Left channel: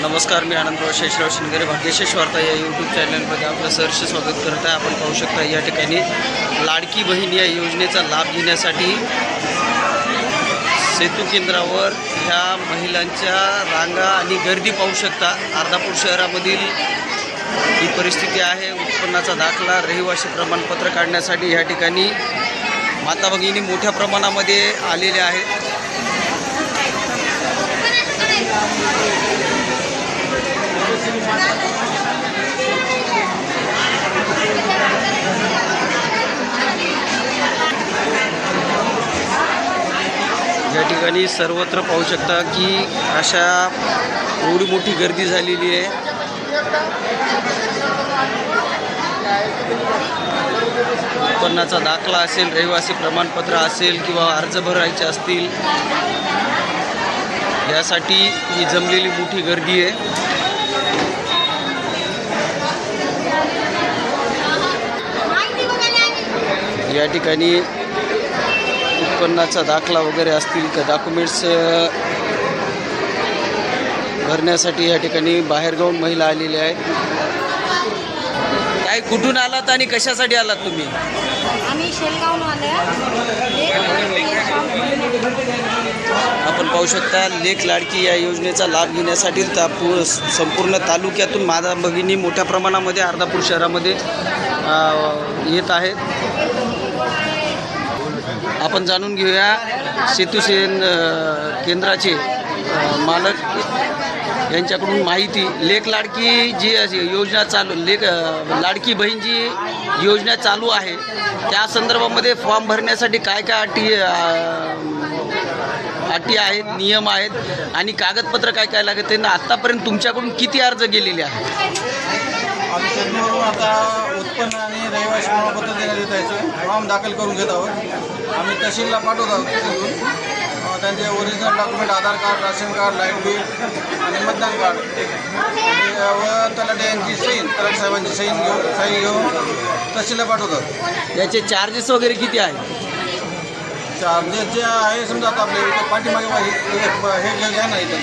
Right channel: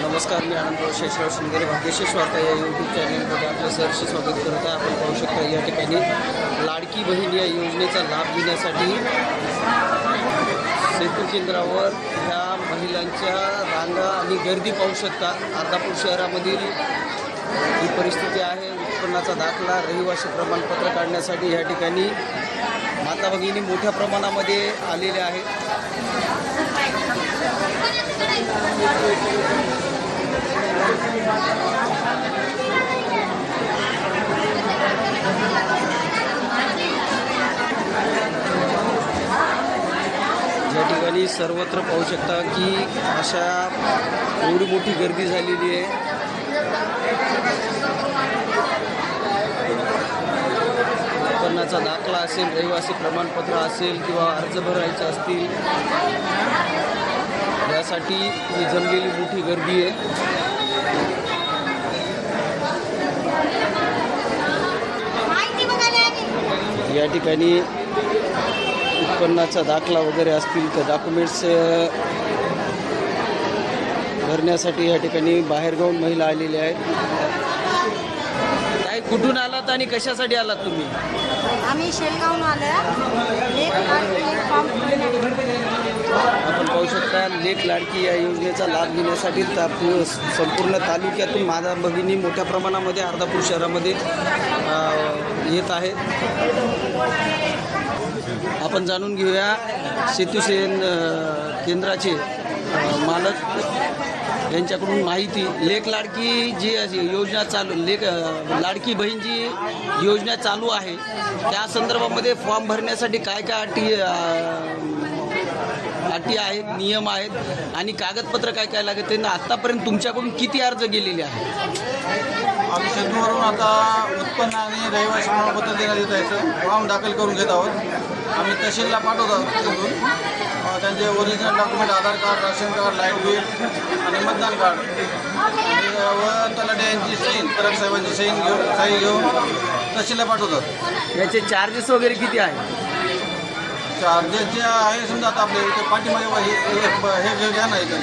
नमस्कार मी आनंदराव शेषराव शिंगरे भाग्यशेष वार्ता या यूट्यूब चॅनलमध्ये आपलं सहर्ष स्वागत करत आहे. आपण पाहू शकता या ठिकाणी लाडकी बहीण या योजनेचा लाभ घेण्यासाठी सेतू केंद्रावर ह्या महिलांच्या रांगा आणि गर्दी पाहू शकता. अर्धापूर शहरामधील ही परिस्थिती आहे उत्पन्नाचा दाखला रहिवासी प्रमाणपत्र काढण्यासाठी या ठिकाणी माता भगिनी मोठ्या प्रमाणामध्ये आलेल्या आहेत. या ठिकाणी सर्वत्र पाहू शकता की अशा एवढी मोठी गर्दी झालेली आहे. उत्पन्नाचा दाखला असेल रहिवासी प्रमाणपत्र असेल किंवा अर्ज भरायचे असतील यासाठी ही जमलेली मोठी गर्दी आहे. या ठिकाणी उत्पन्नाचा दाखला वगैरे असतील तर डॉक्युमेंट्स भरण्यासाठी या ठिकाणी बाहेरगावून महिला आलेल्या आहेत. काय कुठून आलात आणि कशासाठी आलात तुम्ही? आम्ही शेलगावून. आपण पाहू शकता लेख लाडकी या योजनेचा लाभ घेण्यासाठी ता पू संपूर्ण तालुक्यातून माता भगिनी मोठ्या प्रमाणामध्ये अर्धापूर शहरामध्ये येत आहेत. आपण जाणून घेऊया सेतुसेन केंद्राचे मालक यांच्याकडून माहिती. लेख लाडकी जी अशी योजना चालू लेख लाडकी बहीण जी योजना चालू आहे त्या संदर्भामध्ये फॉर्म भरण्यासाठी काय काय अटी अटी आहेत नियम आहेत आणि कागदपत्र काय काय लागत त्यांना आत्तापर्यंत तुमच्याकडून किती अर्ज गेलेले आहेत? आता उत्पन्न आणि रहिवासी प्रमाणपत्र देण्यात येत आहे फॉर्म दाखल करून घेत आहोत. आम्ही तहसीलला पाठवत आहोत तिथून. त्यांचे original document Aadhaar card ration card light bill आणि मतदान कार्ड. व तलाटे यांची सहीन तलाट साहेबांची सहीन घेऊन सही घेऊन तहसीलला पाठवतात याचे चार्जेस वगैरे किती आहेत? चार्जेस जे आहे समजा आता आपल्या इथे पाठीमागे हे घ्या ना इथं.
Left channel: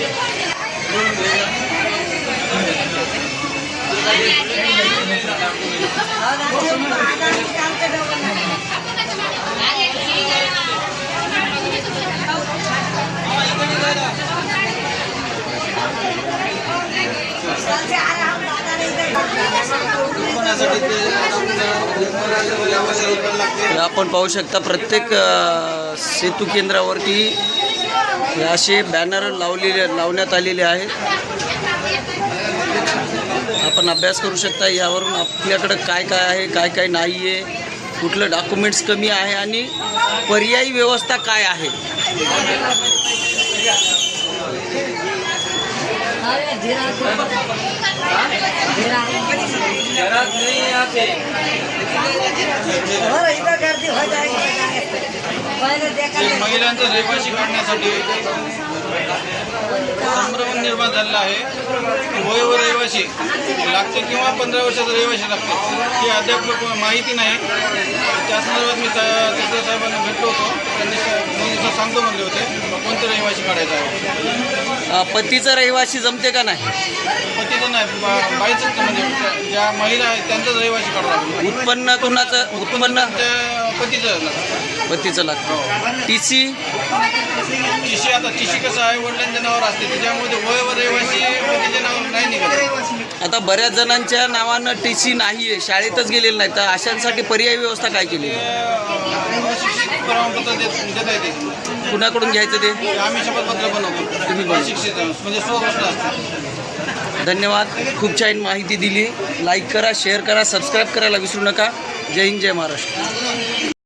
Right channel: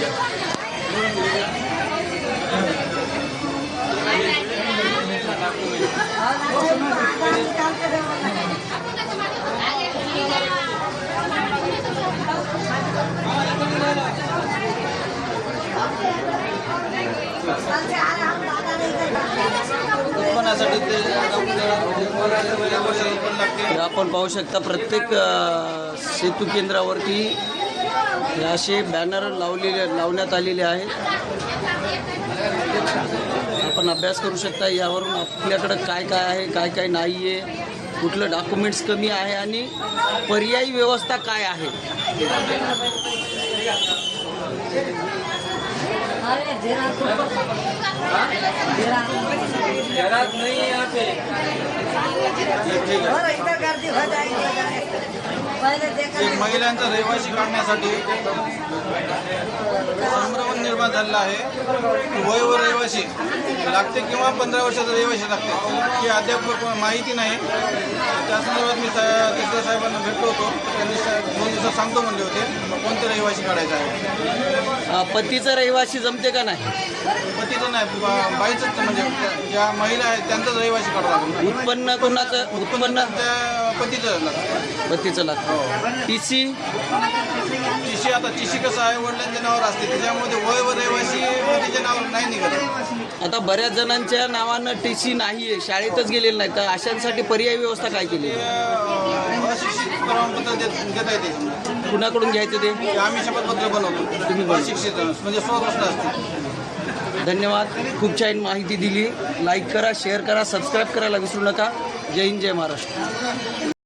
आपण पाहू शकता प्रत्येक सेतू केंद्रावरती असे बॅनर लावलेले लावण्यात आलेले आहेत. आपण अभ्यास करू शकता यावरून आपल्याकडं काय काय आहे काय काय नाही आहे कुठलं डॉक्युमेंट्स कमी आहे आणि पर्यायी व्यवस्था काय आहे? महिलांचा रहिवासी काढण्यासाठी संभ्रम निर्माण झालेला आहे. वय व रहिवासी लागते किंवा पंधरा वर्षाचा रहिवासी लागते ही अद्याप माहिती नाही. त्या संदर्भात मी तिथं साहेबांना भेटलो होतो. त्यांनी दोन दिवसात सांगतो म्हणले होते कोणतं रहिवासी काढायचं आहे पतीचं रहिवासी जमते का नाही? पतीचं नाही बा- बाईचंच म्हणजे ज्या महिला आहेत त्यांचंच रहिवासी काढावं लागेल. उत्पन्न कोणाचं उत्पन्न त्या पतीचं लागतं. पतीचं लागतं. टी सी तिशी आता तिशी कसं आहे वडिलांच्या नावावर असते त्याच्यामध्ये वय व रहिवासी पतीच्या नावावर नाही निघत. आता बऱ्याच जणांच्या नावानं टी सी नाही आहे शाळेतच गेलेलं नाही तर अशांसाठी पर्यायी व्यवस्था काय केली? ते, अं, अशिक्षित प्रमाणपत्र देत देता येते कुणाकडून घ्यायचं ते? आम्ही शपथपत्र बनवतो. तुम्ही बनवता. अशिक्षित म्हणजे सहज असतात धन्यवाद. खूप छान माहिती दिली. लाईक करा शेअर करा सबस्क्राईब करायला विसरू नका. जय हिंद जय महाराष्ट्र.